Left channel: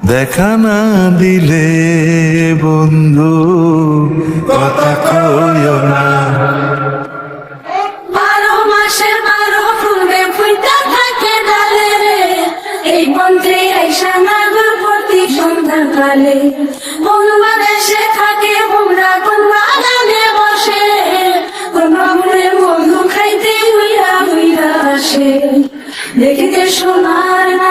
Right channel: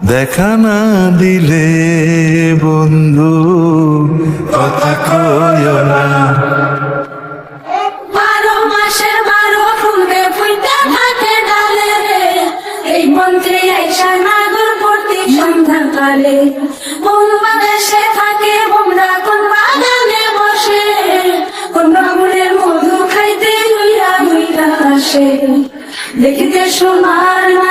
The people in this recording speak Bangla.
দেখা না দিলে বন্ধু কথা কইও না। 12 মাসের 12 ফুলে ফুইটা থাকে ডালে রে, এই মন্ত্রী আইসা নাগর প্রতি সন্ধ্যাকালে। কোন বাদেশে থাকে তোমরা, কোন বাগানে বসে, কোন বাবুরে মধু খাইতে হইয়া হইয়া আসে। দেখিতে সোনার না